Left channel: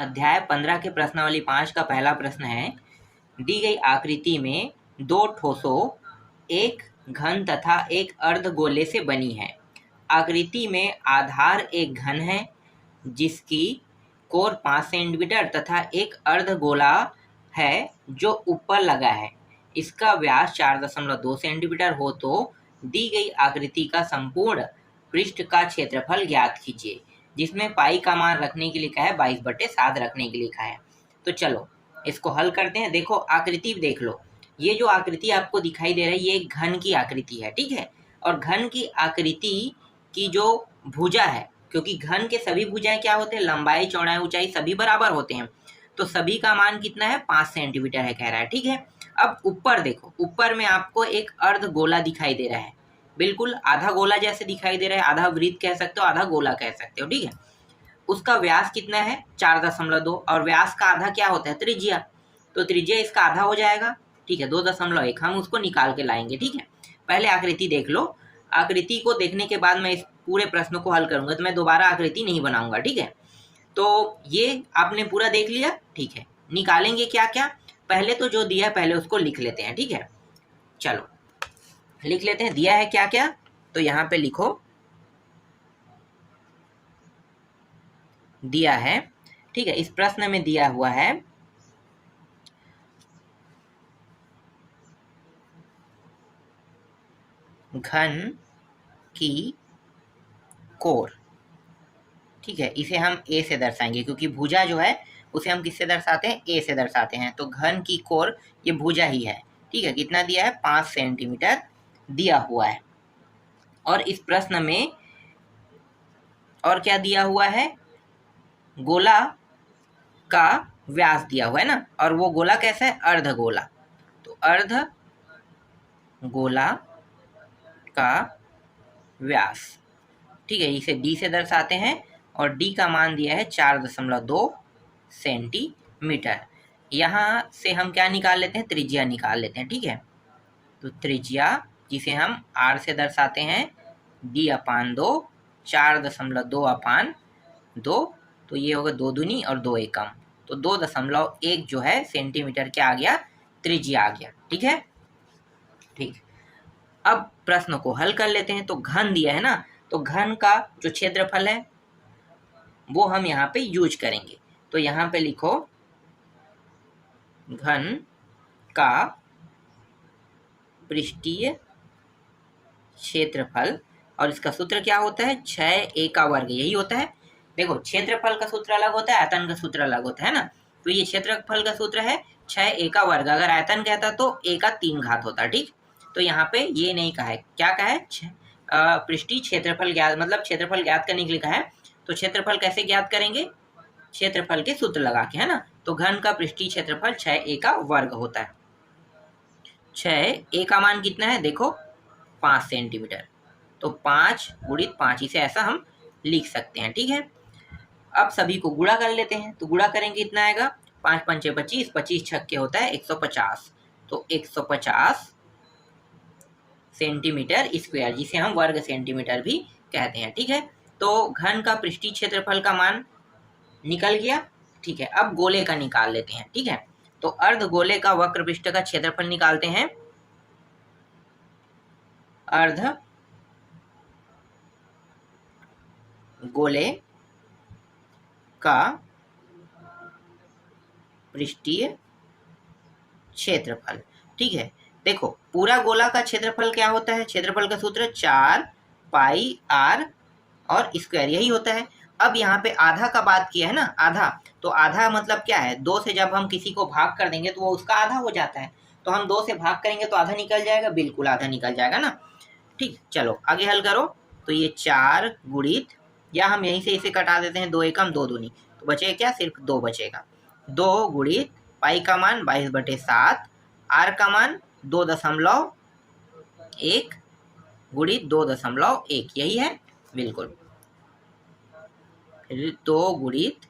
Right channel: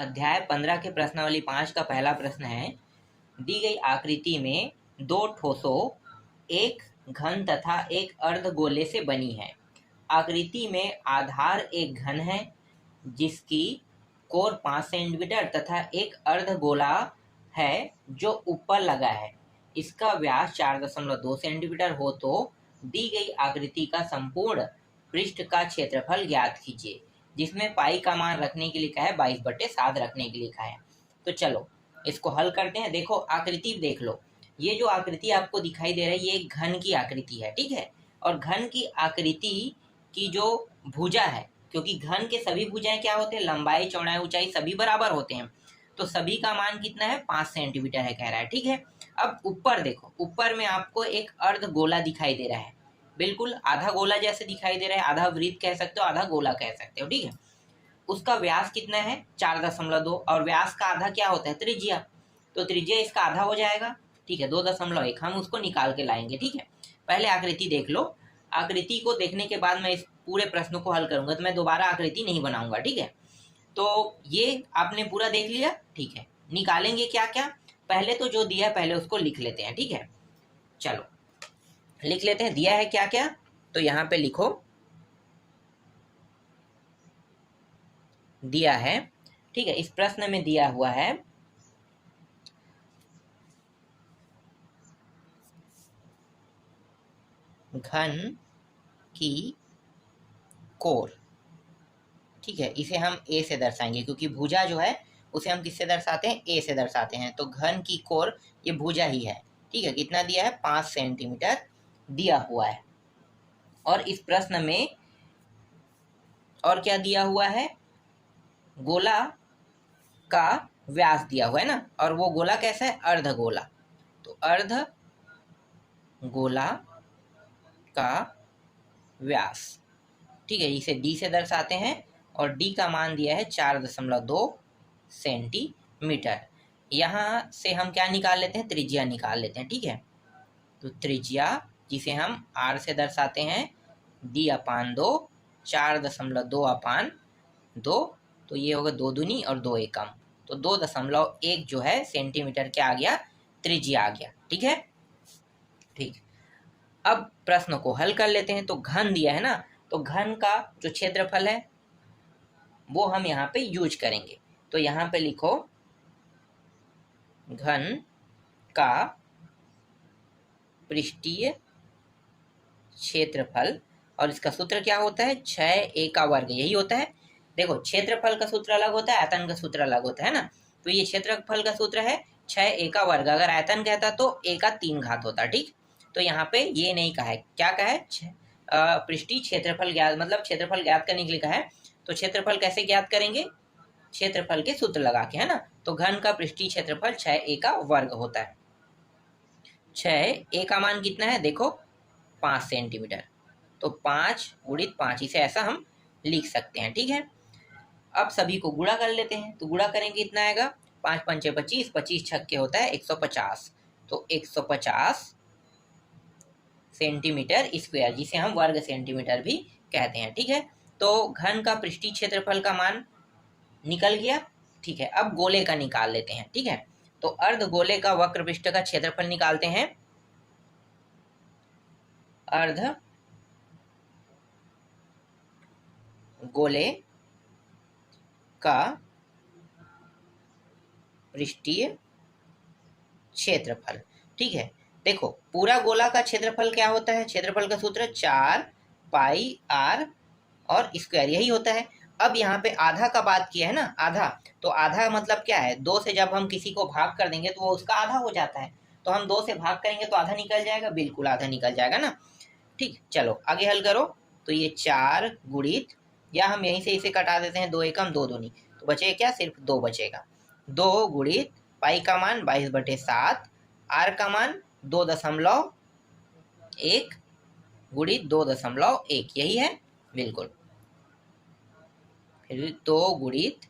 अध्याय 15 के प्रश्नावली 5 का पहला प्रश्न है, दी गई आकृति में दो ठोसों, एक घन तथा एक अर्धगोले से बनी है। आकृति में आधार एक घन है जिसकी कोर 5 सेंटीमीटर तथा एक अर्धगोला है जो ऊपर लगा है। इसका व्यास 4.2 सेंटीमीटर हो तो दी गई आकृति का संपूर्ण पृष्ठ का क्षेत्रफल ज्ञात कीजिए, जिसमें पाई का मान रखने के लिए कहा है, 22/7 रखने के लिए कहा है। तो चलो इसको हल करते हैं। देखो आकृति देख लो, ये जो आकृति आपको दिखाई दे रहा है ये एक घन की आकृति है, ठीक है। और घन की आकृति की जो भुजा है, क्योंकि घन के सभी भुजाएं क्या होते हैं, लंबाई चौड़ाई ऊंचाई सभी बराबर होते हैं, तो सभी का मान कितना है, 5 सेंटीमीटर है कह रहा है, ठीक है। अब ऊपर देखो, ऊपर में आपको एक अर्धगोला दिखाई दे रहा है, बिल्कुल आधा गोला जैसे दिखाई दे रहा है, आधा वृत्त कह सकते हो, आधा गोला कह सकते हो, ठीक है। उसका व्यास कितना है, 4.2, और व्यास का आधा क्या होता है, त्रिज्या, तो त्रिज्या इसका आधा हो जाएगा, ठीक है, 2.1 हम उसको निकाल के लाएंगे, ठीक है। पहले आकृति देख लो। आकृति को देखने के बाद मैं इस पूरे प्रश्न को हल करूंगा, तो मैं दोबारा आकृति नहीं बनाऊंगा, ठीक है। तो ये आपने पूरा देख लिया, ठीक है। निकालेंगे क्या क्या, पहले तो जो दिया है पहले उसको लिख लेते हैं, ठीक है। चलो लिख लेते हैं, दिया है क्या क्या, तो यहाँ पे लिखो, दिया है, ठीक है। इस प्रश्न में दिया हुआ है घन की कोर, ठीक है। इसे हम ए से दर्शाएंगे, क्योंकि भुजा जो है उसे हम किससे दर्शाते हैं, ए से दर्शाते हैं। तो घन की कोर ये भुजा ही है, ठीक है। कितना दिया है, 5 सेंटीमीटर दिया हुआ है। और इस प्रश्न में और क्या दिया हुआ है, गोला का व्यास दिया हुआ है ना, और वो गोला कैसा है, अर्धगोला। तो अर्धगोला का व्यास, ठीक है, इसे डी से दर्शाते हैं, और डी का मान दिया है 4.2 सेंटीमीटर। यहाँ से हम क्या निकाल लेते हैं, त्रिज्या निकाल लेते हैं, ठीक है। तो त्रिज्या जिसे हम आर से दर्शाते हैं, d/2, 4.2/2, तो ये होगा 2 दूनी और 2 एकम, तो 2.1 जो है सेंटीमीटर क्या आ गया, त्रिज्या आ गया, ठीक है। ठीक, अब प्रश्न को हल कर लेते हैं। तो घन दिया है ना, तो घन का जो क्षेत्रफल है वो हम यहाँ पे यूज करेंगे। तो यहाँ पे लिखो, घन का पृष्ठीय क्षेत्रफल, और इसका सूत्र क्या होता है, 6a का वर्ग, यही होता है। देखो क्षेत्रफल का सूत्र अलग होता है, आयतन का सूत्र अलग होता है ना, तो ये क्षेत्रफल का सूत्र है 6a का वर्ग, अगर आयतन कहता तो a का 3 घात होता, ठीक। तो यहाँ पे ये नहीं कहा है, क्या कहा है, पृष्ठीय क्षेत्रफल ज्ञात, मतलब क्षेत्रफल ज्ञात करने के लिए कहा है। तो क्षेत्रफल कैसे ज्ञात करेंगे, क्षेत्रफल के सूत्र लगा के, है ना। तो घन का पृष्ठीय क्षेत्रफल 6a का वर्ग होता है। 6a का मान कितना है, देखो 5 सेंटीमीटर, तो 5 × 5, इसे ऐसा हम लिख सकते हैं, ठीक है। अब सभी को गुणा कर लेते हैं, तो गुणा करेंगे इतना आएगा, 5 × 5 = 25, 25 छक्के होता है 150, तो 150 सेंटीमीटर स्क्वायर, जिसे हम वर्ग सेंटीमीटर भी कहते हैं, ठीक है। तो घन का पृष्ठीय क्षेत्रफल का मान निकल गया, ठीक है। अब गोले का निकाल लेते हैं, ठीक है। तो अर्धगोले का वक्र पृष्ठ का क्षेत्रफल निकालते हैं। अर्ध गोले का पृष्ठीय क्षेत्रफल, ठीक है। देखो पूरा गोला का क्षेत्रफल क्या होता है, क्षेत्रफल का सूत्र 4πr और स्क्वायर, यही होता है। अब यहाँ पे आधा का बात किया है ना, आधा, तो आधा मतलब क्या है, 2 से जब हम किसी को भाग कर देंगे तो वो उसका आधा हो जाता है, तो हम 2 से भाग करेंगे तो आधा निकल जाएगा, बिल्कुल आधा निकल जाएगा ना, ठीक। चलो आगे हल करो। तो ये 4 गुणित, या हम यहीं से इसे कटा देते हैं, 2 एकम 2 दूनी, तो बचेगा क्या, सिर्फ 2 बचेगा। 2 गुणित पाई का मान 22/7, आर का मान 2.1 गुणित 2.1, यही है, बिल्कुल। 2 गुणित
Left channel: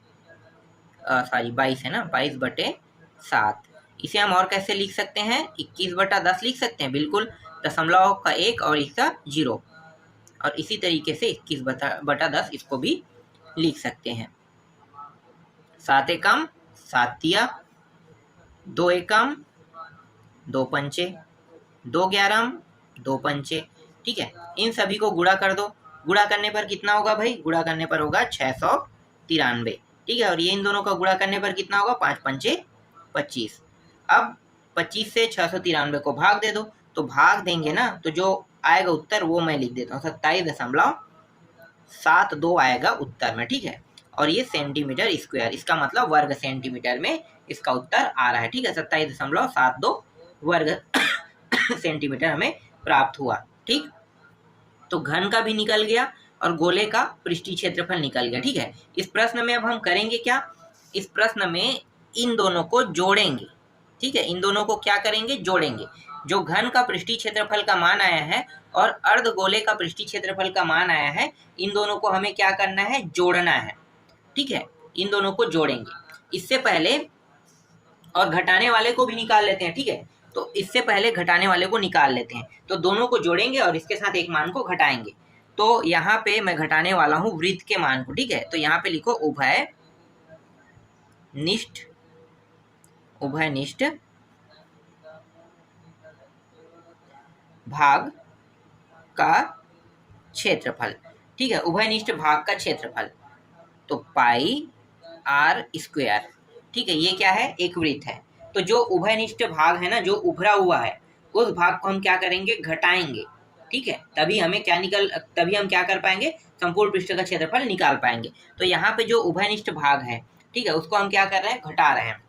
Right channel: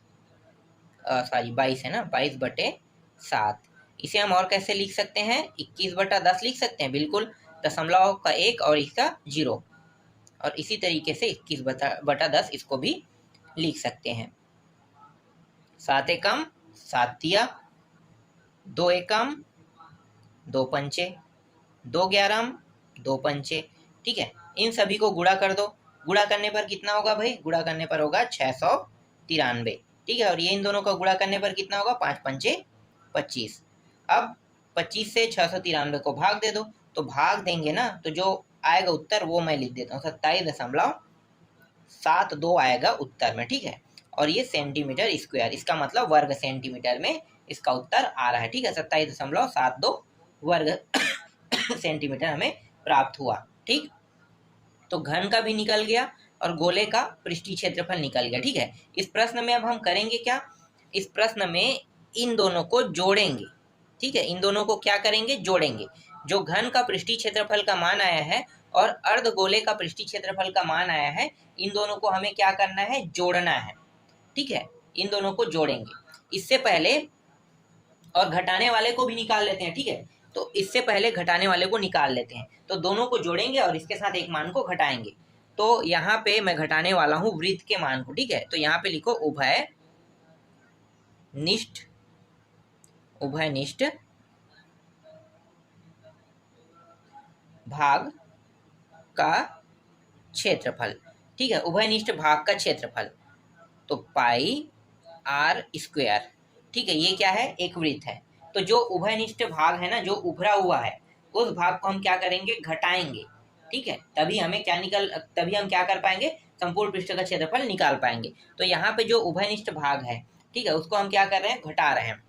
22 है ना, 22/7, इसे हम और कैसे लिख सकते हैं, 21/10 लिख सकते हैं, बिल्कुल, दशमलव का 1 और इसका 0, और इसी तरीके से 21/10 इसको भी लिख सकते हैं। 7 एकम 7 तिया, 2 एकम 2 पंचे, 2 ग्यारम 2 पंचे। ठीक है, इन सभी को गुणा कर दो। गुणा करने पर कितना होगा भाई? गुणा करने पर होगा 693। ठीक है, और ये इन दोनों का गुणा करने पर कितना होगा? 5 पंचे 25। अब 25 से 693 को भाग दे दो, तो भाग देंगे ना तो जो आएगा उत्तर वो मैं लिख देता हूँ, 27.72 आएगा उत्तर में। ठीक है, और ये सेंटीमीटर स्क्वायर, इसका मतलब वर्ग सेंटीमीटर में इसका उत्तर आ रहा है। ठीक है, 27.72 वर्ग सेंटीमीटर हमें प्राप्त हुआ। ठीक, तो घन का भी निकल गया और गोले का पृष्ठीय क्षेत्रफल निकल गया। ठीक है, इस प्रश्न में अब हम करेंगे क्या? इस प्रश्न में इन दोनों को जोड़ेंगे। ठीक है, इन दोनों को क्या करेंगे? जोड़ेंगे। जो घन का पृष्ठीय क्षेत्रफल का मान आया है और अर्ध गोले का पृष्ठीय क्षेत्रफल का मान आया है, इन दोनों को हमें क्या करना है? जोड़ना है। ठीक है, इन दोनों को जोड़ेंगे। इससे पहले और घटाने वाले को भी निकाल लेते हैं। ठीक है, तो इससे पहले घटाने वाले को निकाल लेते हैं, तो दोनों को जोड़ेंगे और इसके साथ एक मान को घटाएंगे। तो यहाँ पे मैं घटाने वाला हूं वृत्त के मान को। ठीक है, तो यहाँ पे लिखो उभयनिष्ठ भाग का क्षेत्रफल। ठीक है, उभयनिष्ठ भाग का क्षेत्रफल, तो पाई आर स्क्वायर। ठीक है, ये क्या है? एक वृत्त है। तो जो उभयनिष्ठ भाग है ना, जो उभरा हुआ है, उस भाग को हम क्या करेंगे? घटाएंगे। ठीक है, तभी हम क्या कर पाएंगे? संपूर्ण पृष्ठ का क्षेत्रफल निकाल पाएंगे। तो यहाँ पे जो उभयनिष्ठ भाग है, ठीक है, उसको हम क्या कर रहे हैं? घटा रहे हैं।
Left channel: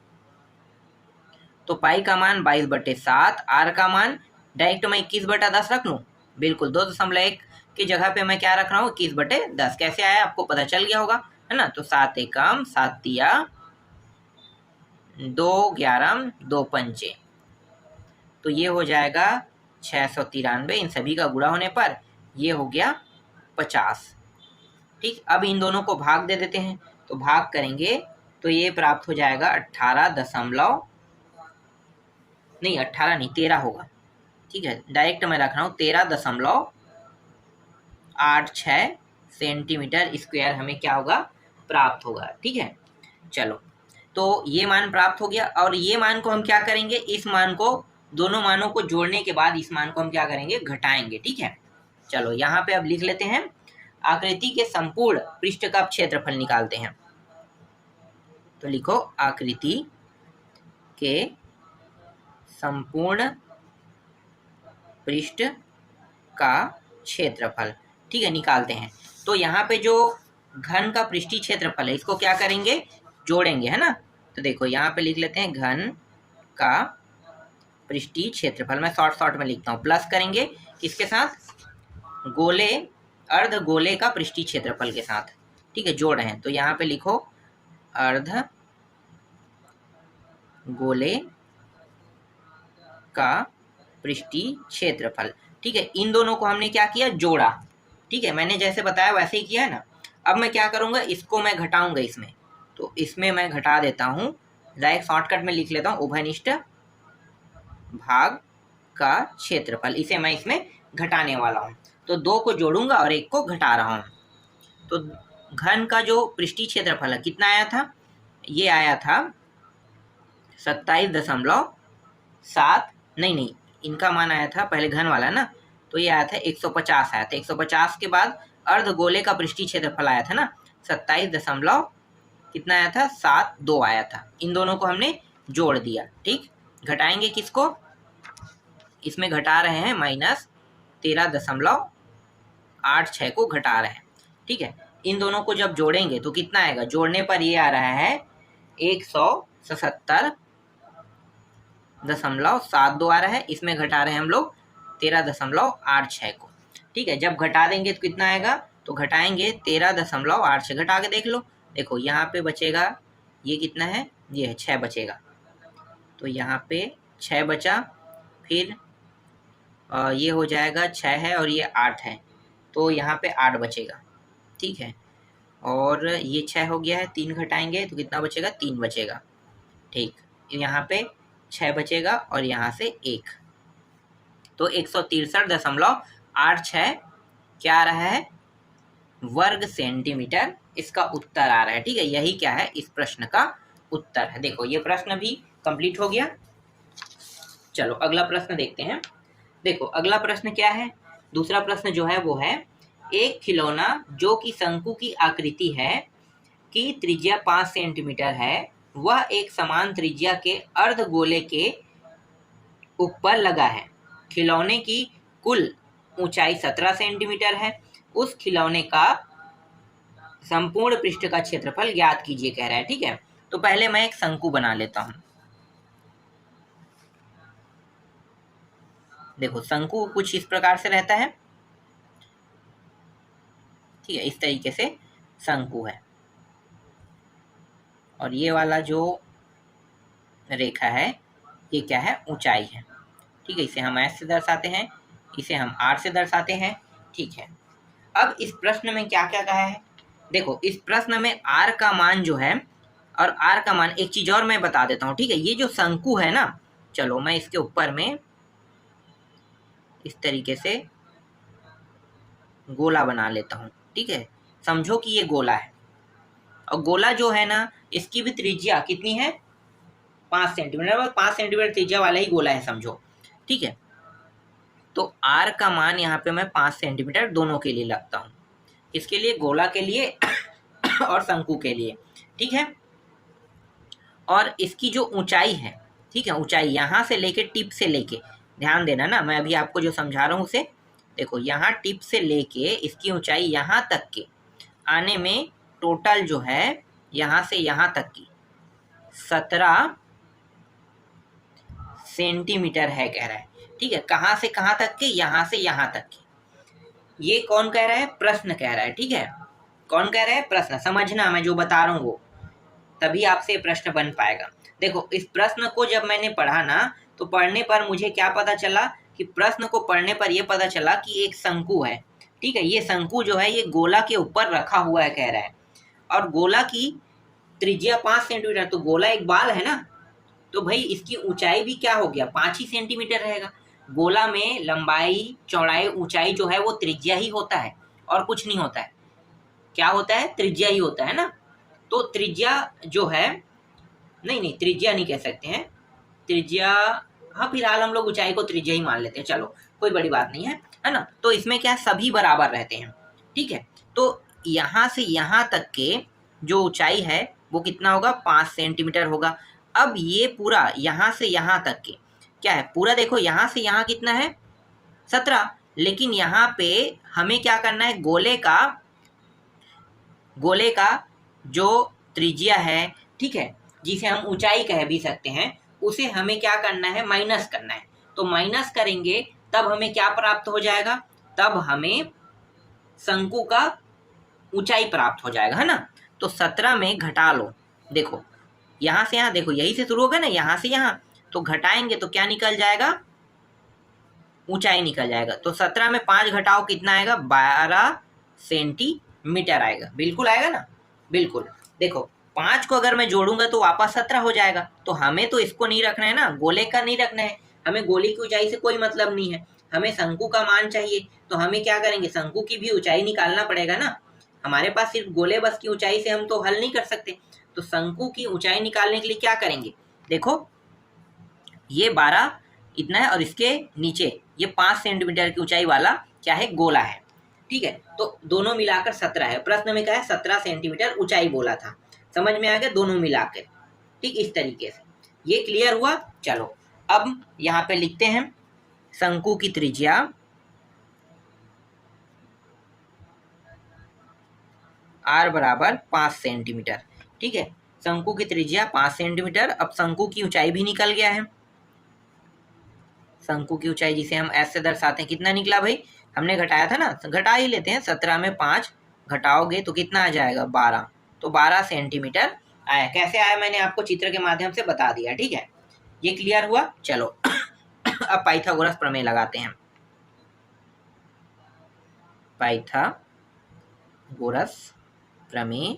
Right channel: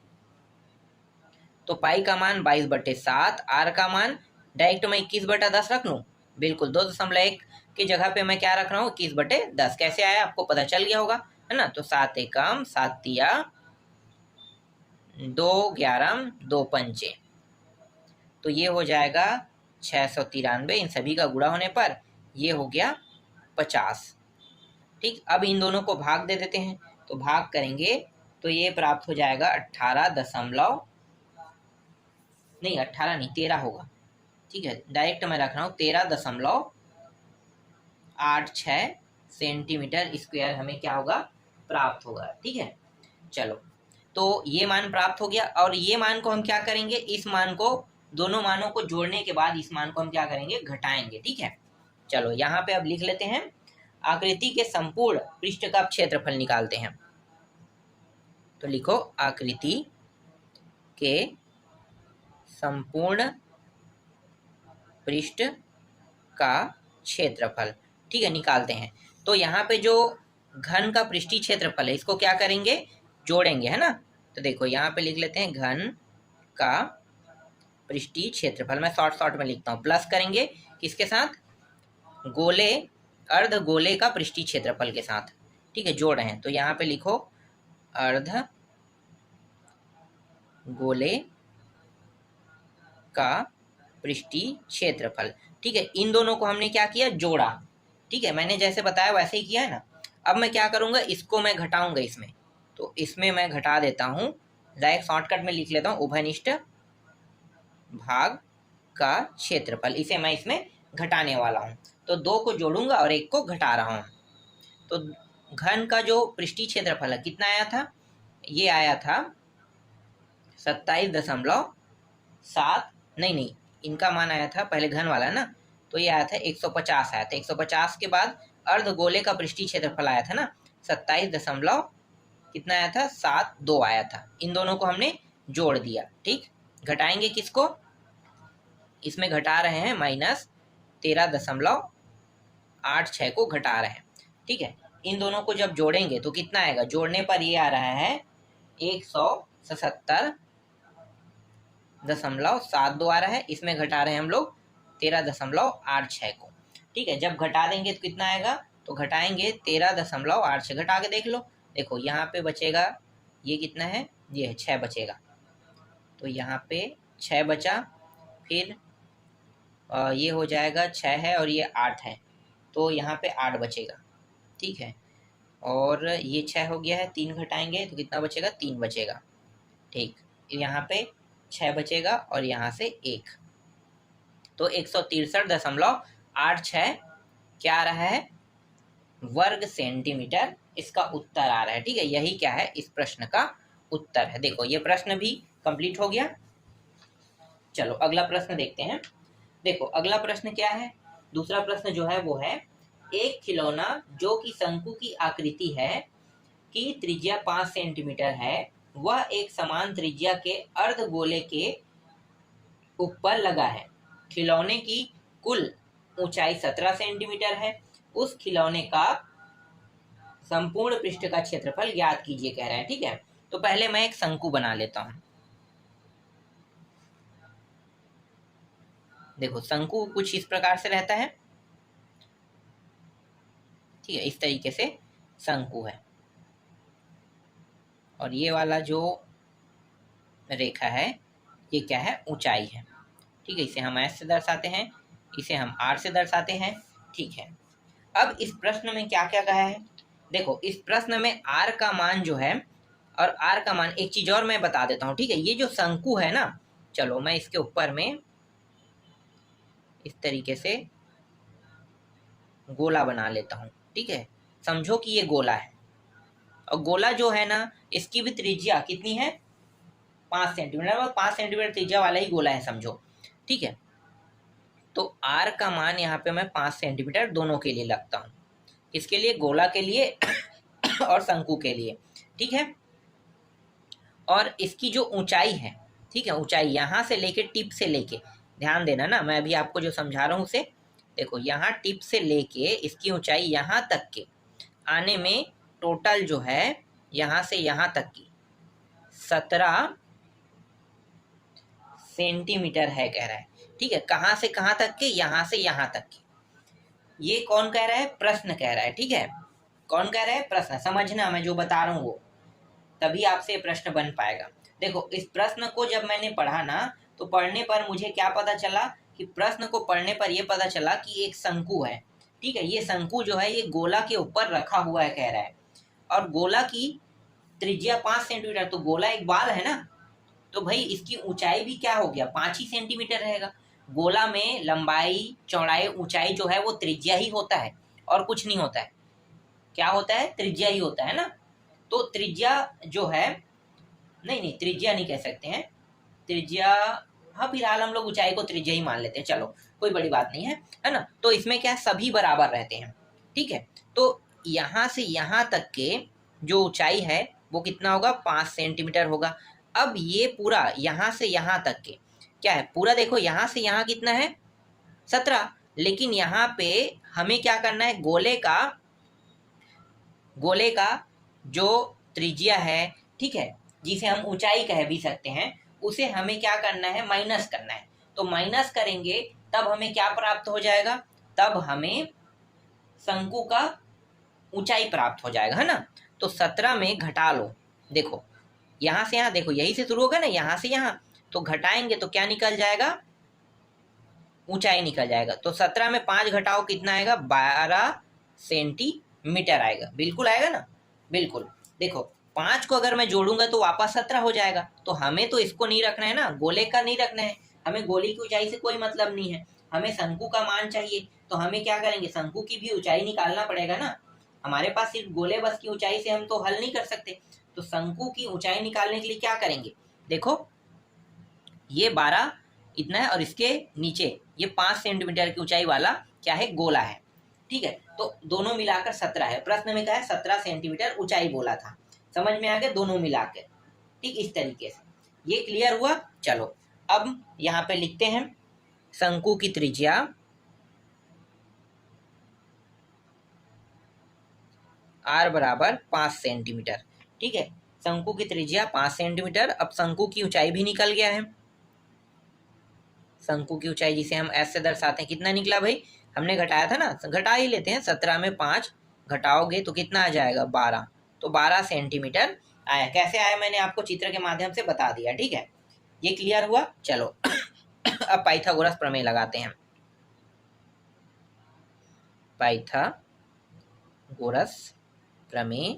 तो पाई का मान 22/7, आर का मान डायरेक्ट मैं 21/10 रख लूँ? बिल्कुल, 2.1 की जगह पे मैं क्या रख रहा हूँ? 21/10। कैसे आया आपको पता चल गया होगा, है ना? तो 7 एकम 7 तिया, 2 ग्यारम 2 पंचे, तो ये हो जाएगा 693। इन सभी का गुणा होने पर ये हो गया 50। ठीक, अब इन दोनों को भाग दे देते हैं, तो भाग करेंगे तो ये प्राप्त हो जाएगा 13 होगा। ठीक है, डायरेक्ट मैं रख रहा हूँ 13.86 सेंटीमीटर स्क्वायर हमें क्या होगा? प्राप्त होगा। ठीक है, चलो, तो ये मान प्राप्त हो गया और ये मान को हम क्या करेंगे? इस मान को, दोनों मानों को जोड़ने के बाद इस मान को हम क्या करेंगे? घटाएंगे। ठीक है, चलो यहाँ पे अब लिख लेते हैं, आकृति के संपूर्ण पृष्ठ का क्षेत्रफल निकालते हैं। तो लिखो आकृति के संपूर्ण पृष्ठ का क्षेत्रफल। ठीक है, निकालते हैं। तो यहाँ पे जो घन का पृष्ठीय क्षेत्रफल है, इसको क्या करेंगे? जोड़ेंगे, है ना? तो देखो यहाँ पे लिख लेते हैं घन का पृष्ठीय क्षेत्रफल। मैं शॉर्ट में लिखता हूँ, प्लस करेंगे किसके साथ? गोले, अर्ध गोले का पृष्ठीय क्षेत्रफल के साथ। ठीक है, जोड़ रहे हैं, तो यहाँ पे लिखो अर्ध गोले का पृष्ठीय क्षेत्रफल। ठीक है, इन दोनों को हमने क्या किया? जोड़ा। ठीक है, मैंने जैसे बताया वैसे ही किया है ना। अब मैं क्या करूंगा? इसको मैं घटाऊंगा इसमें, तो इसमें मैं घटा देता हूं, डायरेक्ट शॉर्टकट में लिख लेता हूं उभयनिष्ठ भाग का क्षेत्रफल। इसे मैं इसमें घटाने वाला हूं, तो 2 को जोड़ूंगा और 1 को घटा रहा हूं। तो घन का जो पृष्ठीय क्षेत्रफल है कितना आया था? ये आया था 27.7, नहीं, इनका मान आया था पहले घन वाला ना, तो ये आया था 150 आया था। 150 के बाद अर्ध गोले का पृष्ठीय क्षेत्रफल आया था ना, 27 कितना आया था? 72 आया था। इन दोनों को हमने जोड़ दिया। ठीक, घटाएंगे किसको? इसमें घटा रहे हैं -13.86 को घटा रहे हैं। ठीक है, इन दोनों को जब जोड़ेंगे तो कितना आएगा? जोड़ने पर ये आ रहा है 177.72 आ रहा है। इसमें घटा रहे हैं हम लोग 13.86 को। ठीक है, जब घटा देंगे तो कितना आएगा? तो घटाएंगे 13.86, घटा के देख लो। देखो यहाँ पे बचेगा, ये कितना है? ये है 6 बचेगा, तो यहाँ पे 6 बचा, फिर ये हो जाएगा 6 है और ये 8 है, तो यहाँ पे 8 बचेगा। ठीक है, और ये 6 हो गया है, 3 घटाएंगे तो कितना बचेगा? 3 बचेगा। ठीक, यहाँ पे 6 बचेगा और यहाँ से 1, तो 163.86 क्या आ रहा है? वर्ग सेंटीमीटर इसका उत्तर आ रहा है। ठीक है, यही क्या है, इस प्रश्न का उत्तर है। देखो ये प्रश्न भी कंप्लीट हो गया। चलो अगला प्रश्न देखते हैं। देखो अगला प्रश्न क्या है, दूसरा प्रश्न जो है वो है, एक खिलौना जो कि शंकु की आकृति है, की त्रिज्या 5 सेंटीमीटर है, वह एक समान त्रिज्या के अर्ध गोले के ऊपर लगा है। खिलौने की कुल ऊंचाई 17 सेंटीमीटर है। उस खिलौने का संपूर्ण पृष्ठ का क्षेत्रफल ज्ञात कीजिए कह रहा है। ठीक है, तो पहले मैं एक शंकु बना लेता हूं। देखो शंकु कुछ इस प्रकार से रहता है। ठीक है, इस तरीके से शंकु है, और ये वाला जो रेखा है ये क्या है, ऊंचाई है। ठीक है, इसे हम एस से दर्शाते हैं, इसे हम आर से दर्शाते हैं। ठीक है, अब इस प्रश्न में क्या क्या कहा है, देखो इस प्रश्न में आर का मान जो है, और आर का मान, एक चीज और मैं बता देता हूं। ठीक है, ये जो शंकु है ना, चलो मैं इसके ऊपर में इस तरीके से गोला बना लेता हूं। ठीक है, समझो कि ये गोला है, और गोला जो है ना, इसकी भी त्रिज्या कितनी है, 5 सेंटीमीटर, और 5 सेंटीमीटर त्रिज्या वाला ही गोला है समझो। ठीक है, तो आर का मान यहाँ पे मैं 5 सेंटीमीटर दोनों के लिए लगता हूँ, किसके लिए, गोला के लिए और शंकु के लिए। ठीक है, और इसकी जो ऊंचाई है, ठीक है, ऊंचाई यहाँ से लेके टिप से लेके, ध्यान देना ना, मैं अभी आपको जो समझा रहा हूँ उसे देखो, यहाँ टिप से लेके इसकी ऊंचाई यहाँ तक के आने में टोटल जो है यहाँ से यहाँ तक की 17 सेंटीमीटर है कह रहा है। ठीक है, कहाँ से कहाँ तक के, यहाँ से यहाँ तक के। ये कौन कह रहा है, प्रश्न कह रहा है। ठीक है, कौन कह रहा है, प्रश्न। समझना मैं जो बता रहा हूँ वो, तभी आपसे प्रश्न बन पाएगा। देखो इस प्रश्न को जब मैंने पढ़ा ना, तो पढ़ने पर मुझे क्या पता चला, कि प्रश्न को पढ़ने पर यह पता चला कि एक शंकु है। ठीक है, ये शंकु जो है ये गोला के ऊपर रखा हुआ है कह रहा है, और गोला की त्रिज्या 5 सेंटीमीटर, तो गोला एक बाल है ना, तो भाई इसकी ऊंचाई भी क्या हो गया, 5 ही सेंटीमीटर रहेगा। गोला में लंबाई चौड़ाई ऊंचाई जो है वो त्रिज्या ही होता है, और कुछ नहीं होता है। क्या होता है, त्रिज्या ही होता है ना। तो त्रिज्या जो है, नहीं त्रिज्या नहीं कह सकते हैं, त्रिज्या, हाँ फिलहाल हम लोग ऊंचाई को त्रिज्या ही मान लेते हैं, चलो कोई बड़ी बात नहीं है ना। तो इसमें क्या, सभी बराबर रहते हैं। ठीक है, तो यहाँ से यहाँ तक के जो ऊंचाई है वो कितना होगा, 5 सेंटीमीटर होगा। अब ये पूरा यहाँ से यहाँ तक के क्या है, पूरा देखो यहाँ से यहाँ कितना है, 17, लेकिन यहाँ पे हमें क्या करना है, गोले का जो त्रिज्या है, ठीक है, जिसे हम ऊंचाई कह भी सकते हैं, उसे हमें क्या करना है, माइनस करना है। तो माइनस करेंगे तब हमें क्या प्राप्त हो जाएगा, तब हमें शंकु का ऊंचाई प्राप्त हो जाएगा, है ना। तो 17 में घटा लो, देखो यहाँ से यहाँ, देखो यही से शुरू होगा ना, यहाँ से यहाँ, तो घटाएंगे तो क्या निकल जाएगा, ऊंचाई निकल जाएगा। तो 17 में 5 घटाओ कितना आएगा, 12 सेंटीमीटर आएगा। बिल्कुल आएगा ना, बिल्कुल। देखो 5 को अगर मैं जोड़ूंगा तो वापस 17 हो जाएगा। तो हमें तो इसको नहीं रखना है ना, गोले का नहीं रखना है, हमें गोले की ऊंचाई से कोई मतलब नहीं है, हमें शंकु का मान चाहिए। तो हमें क्या करेंगे, शंकु की भी ऊंचाई निकालना पड़ेगा ना। हमारे पास सिर्फ गोले बस की ऊंचाई से हम तो हल नहीं कर सकते। तो शंकु की ऊंचाई निकालने के लिए क्या करेंगे, देखो ये 12 इतना है, और इसके नीचे ये 5 सेंटीमीटर की ऊंचाई वाला क्या है, गोला है। ठीक है, तो दोनों मिलाकर 17 है। प्रश्न में क्या है, 17 सेंटीमीटर ऊंचाई बोला था, समझ में आ गया दोनों मिलाकर। ठीक, इस तरीके से ये क्लियर हुआ। चलो अब यहाँ पे लिखते हैं शंकु की त्रिज्या r बराबर 5 सेंटीमीटर। ठीक है, शंकु की त्रिज्या 5 सेंटीमीटर। अब शंकु की ऊंचाई भी निकल गया है, शंकु की ऊंचाई जिसे हम s से दर्शाते हैं, कितना निकला भाई, हमने घटाया था ना, घटा ही लेते हैं। 17 में 5 घटाओगे तो कितना आ जाएगा, 12, तो 12 सेंटीमीटर आया। कैसे आया मैंने आपको चित्र के माध्यम से बता दिया। ठीक है, ये क्लियर हुआ। चलो अब पाइथागोरस प्रमेय लगाते हैं, पाइथागोरस प्रमेय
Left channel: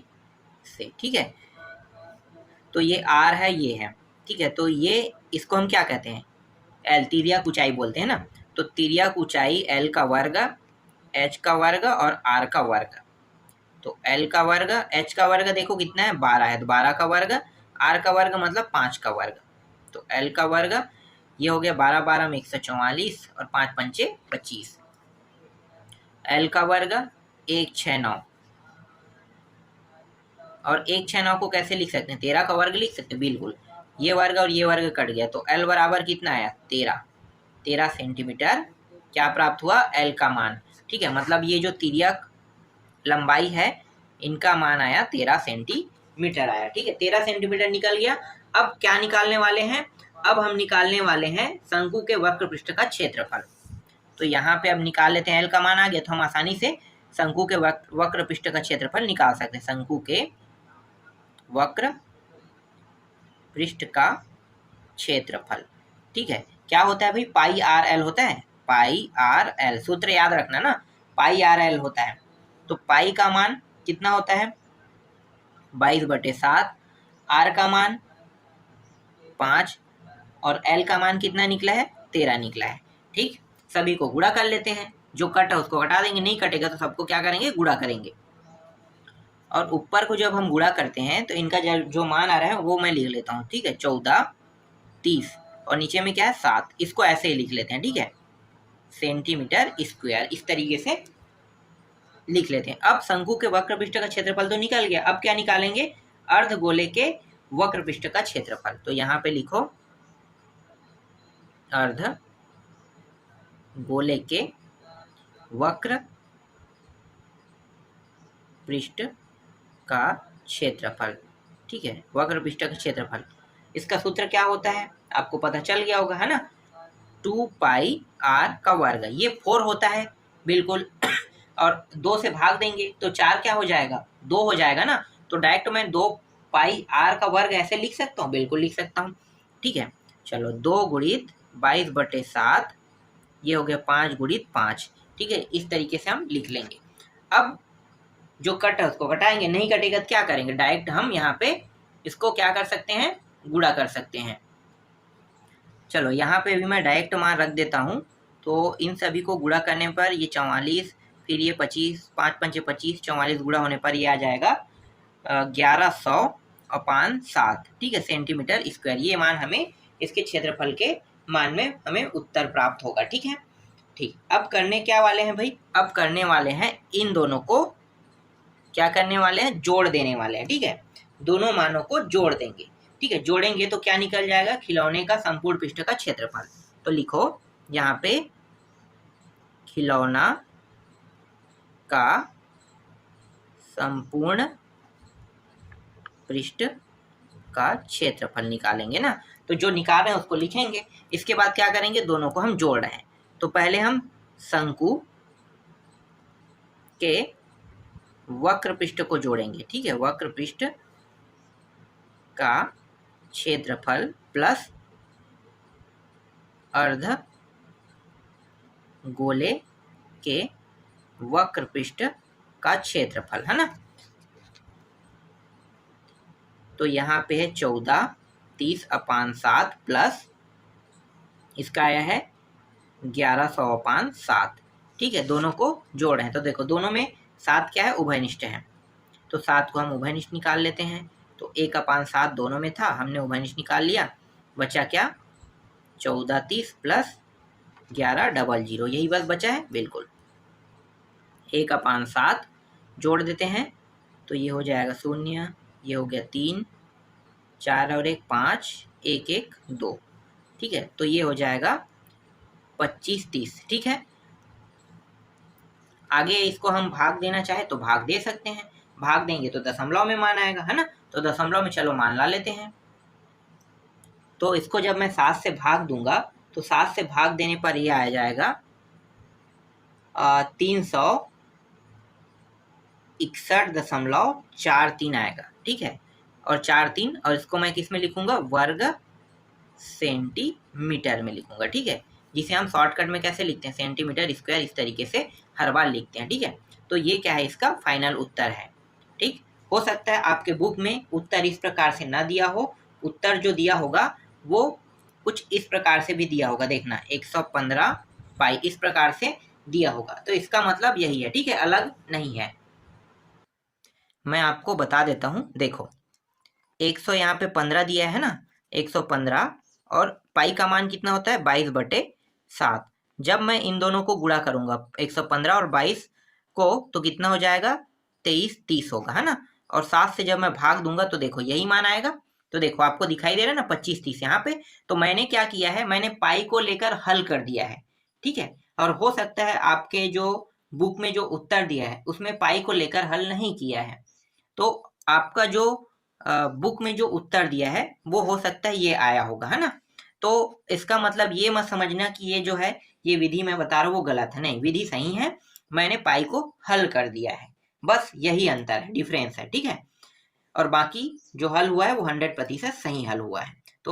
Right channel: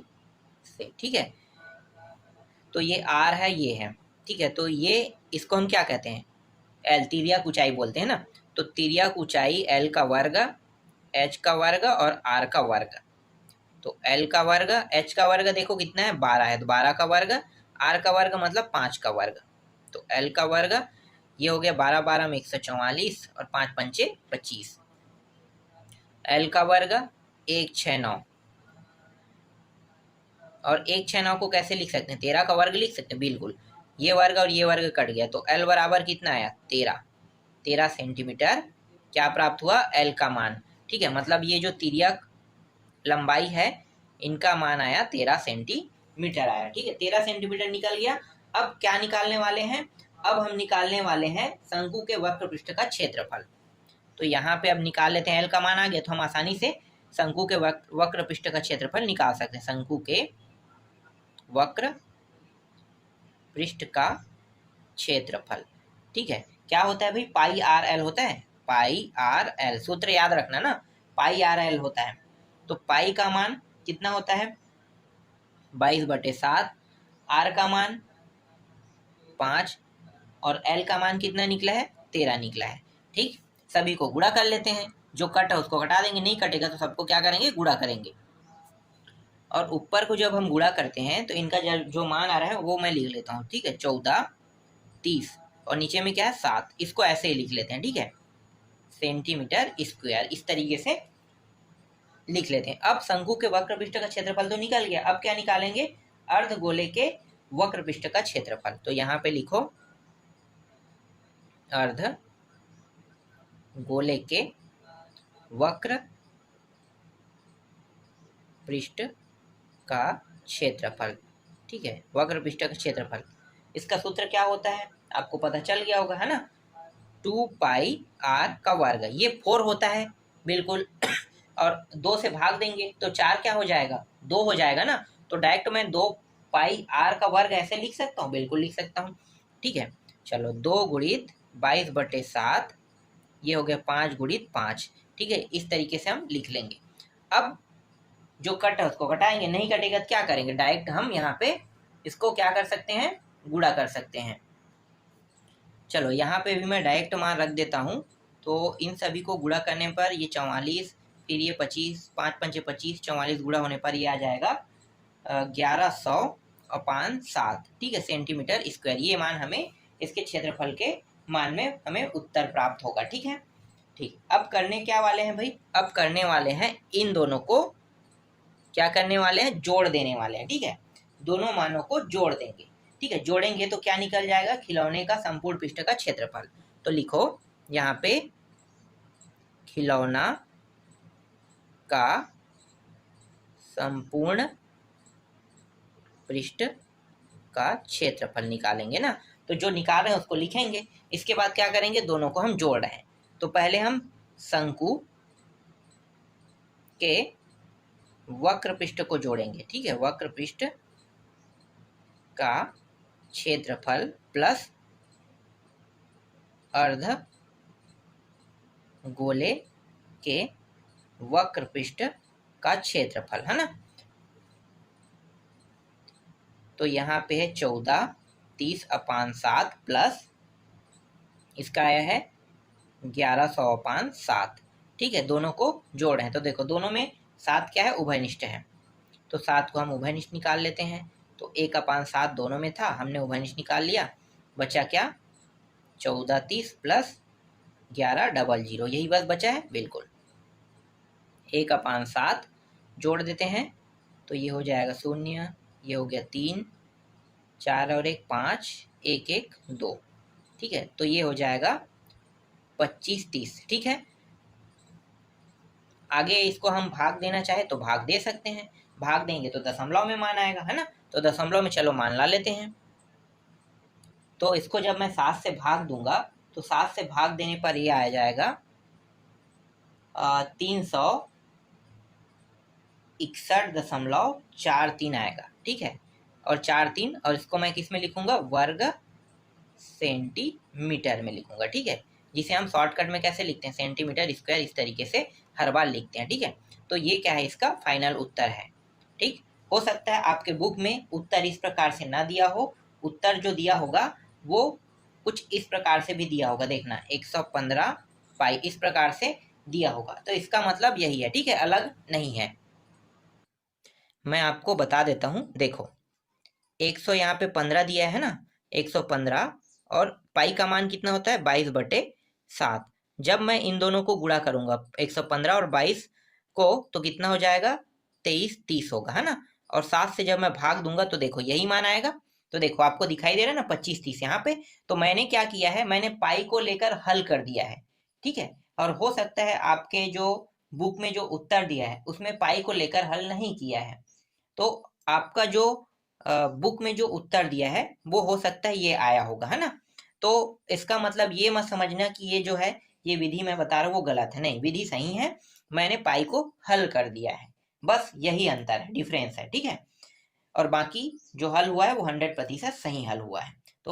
से। ठीक है, तो ये r है, ये है। ठीक है, तो ये इसको हम क्या कहते हैं, l, तिर्यक ऊंचाई बोलते हैं ना। तो तिर्यक ऊंचाई l का वर्ग, h का वर्ग और r का वर्ग। तो L का वर्ग, H का वर्ग देखो कितना है 12 है, तो 12 का वर्ग, R का वर्ग मतलब 5 का वर्ग, तो L का वर्ग ये हो गया 12 12 में 144 और 5 पंचे 25, L का वर्ग 169 और 169 को कैसे लिख सकते हैं, 13 का वर्ग लिख सकते हैं, बिल्कुल ये वर्ग और ये वर्ग कट गया, तो L बराबर कितना आया 13 सेंटीमीटर क्या प्राप्त हुआ, L का मान। ठीक है, मतलब ये जो तिर्यक लंबाई है इनका मान आया 13 सेंटीमीटर आया। ठीक है, 13 सेंटीमीटर निकल गया। अब क्या निकालने वाले हैं, अब हम निकालने वाले हैं शंकु के वक्र पृष्ठ का क्षेत्रफल। तो यहाँ पे अब निकाल लेते हैं, L का मान आ गया तो हम आसानी से शंकु के वक्र पृष्ठ का क्षेत्रफल निकाल सकते हैं। शंकु के वक्र पृष्ठ का क्षेत्रफल, ठीक है, क्या होता है भाई, पाई आर एल होता है, पाई आर एल, सूत्र याद रखना ना, पाई आर एल होता है। तो पाई का मान कितना होता है 22/7, आर का मान 5 और एल का मान कितना निकला है 13 निकला है। ठीक, सभी को गुणा कर लेते हैं, जो कट है उसको घटा देंगे, नहीं कटेगा तो सबको क्या करेंगे गुणा करेंगे। और ऊपर को जब हम गुणा करते हैं तो इनका जो मान आ रहा है वो मैं लिख लेता हूँ। ठीक है, 14 30 और नीचे में क्या है 7, इसको ऐसे ही लिख लेते हैं। ठीक है, सेंटीमीटर स्क्वायर, इस तरीके से लिख लेते हैं। अब शंकु के वक्र पृष्ठ का क्षेत्रफल तो निकल गया, अब क्या निकालेंगे, अर्धगोले के वक्र पृष्ठ का क्षेत्रफल। तो यहाँ पे लिखो अर्धगोले के वक्र पृष्ठ का क्षेत्रफल। ठीक है, वक्र पृष्ठ का क्षेत्रफल, इसका सूत्र क्या होता है आपको पता चल गया होगा, है ना, 2 पाई आर का वर्ग, ये 4 होता है बिल्कुल और 2 से भाग देंगे तो 4 क्या हो जाएगा 2 हो जाएगा ना, तो डायरेक्ट मैं 2 पाई आर का वर्ग ऐसे लिख सकता हूँ, बिल्कुल लिख सकता हूँ। ठीक है, चलो 2 गुणित 22/7, ये हो गया 5 गुणित 5। ठीक है, इस तरीके से हम लिख लेंगे। अब जो कट है उसको घटाएंगे, नहीं कटेगा तो क्या करेंगे, डायरेक्ट हम यहाँ पे इसको क्या कर सकते हैं गुणा कर सकते हैं। चलो यहाँ पे भी मैं डायरेक्ट मान रख देता हूँ, तो इन सभी को गुणा करने पर ये 44, फिर ये 25, 5 पंचे 25, 44 गुणा होने पर ये आ जाएगा 1100/7। ठीक है, सेंटीमीटर स्क्वायर, ये मान हमें इसके क्षेत्रफल के मान में हमें उत्तर प्राप्त होगा। ठीक है, ठीक, अब करने क्या वाले हैं भाई, अब करने वाले हैं इन दोनों को क्या करने वाले हैं, जोड़ देने वाले हैं। ठीक है, दोनों मानों को जोड़ देंगे। ठीक है, जोड़ेंगे तो क्या निकल जाएगा, खिलौने का संपूर्ण पृष्ठ का क्षेत्रफल। तो लिखो यहाँ पे खिलौना का संपूर्ण पृष्ठ का क्षेत्रफल निकालेंगे ना, तो जो निकाल रहे हैं उसको लिखेंगे, इसके बाद क्या करेंगे दोनों को हम जोड़ रहे हैं। तो पहले हम शंकु के वक्र पृष्ठ को जोड़ेंगे। ठीक है, वक्र पृष्ठ का क्षेत्रफल प्लस अर्ध गोले के वक्र पृष्ठ का क्षेत्रफल, है ना। तो यहाँ पे है 14 30/7 प्लस इसका आया है 1100/7। ठीक है, दोनों को जोड़ रहे हैं तो देखो दोनों में 7 क्या है उभयनिष्ठ है, तो 7 को हम उभयनिष्ठ निकाल लेते हैं। तो 1/7 दोनों में था, हमने उभयनिष्ठ निकाल लिया, बचा क्या 14 30 प्लस 1100, यही बस बचा है बिल्कुल। 1/7 जोड़ देते हैं तो ये हो जाएगा 0, ये हो गया 3 4 और 1 5, 1 1 2। ठीक है, तो ये हो जाएगा 25 30। ठीक है, आगे इसको हम भाग देना चाहे तो भाग दे सकते हैं, भाग देंगे तो दशमलव में मान आएगा, है ना, तो दशमलव में चलो मान ला लेते हैं। तो इसको जब मैं 7 से भाग दूंगा तो 7 से भाग देने पर ये आ जाएगा 361.43 आएगा। ठीक है, और 4 और इसको मैं किस में लिखूंगा वर्ग सेंटीमीटर में लिखूंगा। ठीक है, जिसे हम शॉर्टकट में कैसे लिखते हैं सेंटीमीटर स्क्वायर, इस तरीके से हर बार लिखते हैं। ठीक है, तो ये क्या है इसका फाइनल उत्तर है। ठीक, हो सकता है आपके बुक में उत्तर इस प्रकार से ना दिया हो, उत्तर जो दिया होगा वो कुछ इस प्रकार से भी दिया होगा, देखना 115 इस प्रकार से दिया होगा, तो इसका मतलब यही है। ठीक है, अलग नहीं है। मैं आपको बता देता हूँ, देखो 100 यहाँ पे 15 दिया है ना, 115, और पाई का मान कितना होता है 22/7। जब मैं इन दोनों को गुणा करूंगा 115 और 22 को, तो कितना हो जाएगा 23/30 होगा, है ना। और 7 से जब मैं भाग दूंगा तो देखो यही मान आएगा। तो देखो आपको दिखाई दे रहा है ना 25/30 यहाँ पे। तो मैंने क्या किया है, मैंने पाई को लेकर हल कर दिया है, ठीक है। और हो सकता है आपके जो बुक में जो उत्तर दिया है उसमें पाई को लेकर हल नहीं किया है, तो आपका जो बुक में जो उत्तर दिया है वो हो सकता है ये आया होगा, है ना। तो इसका मतलब ये मत समझना कि ये जो है, ये विधि मैं बता रहा हूँ वो गलत है, नहीं, विधि सही है, मैंने पाई को हल कर दिया है, बस यही अंतर है, डिफरेंस है, ठीक है। और बाकी जो हल हुआ है वो 100% सही हल हुआ है।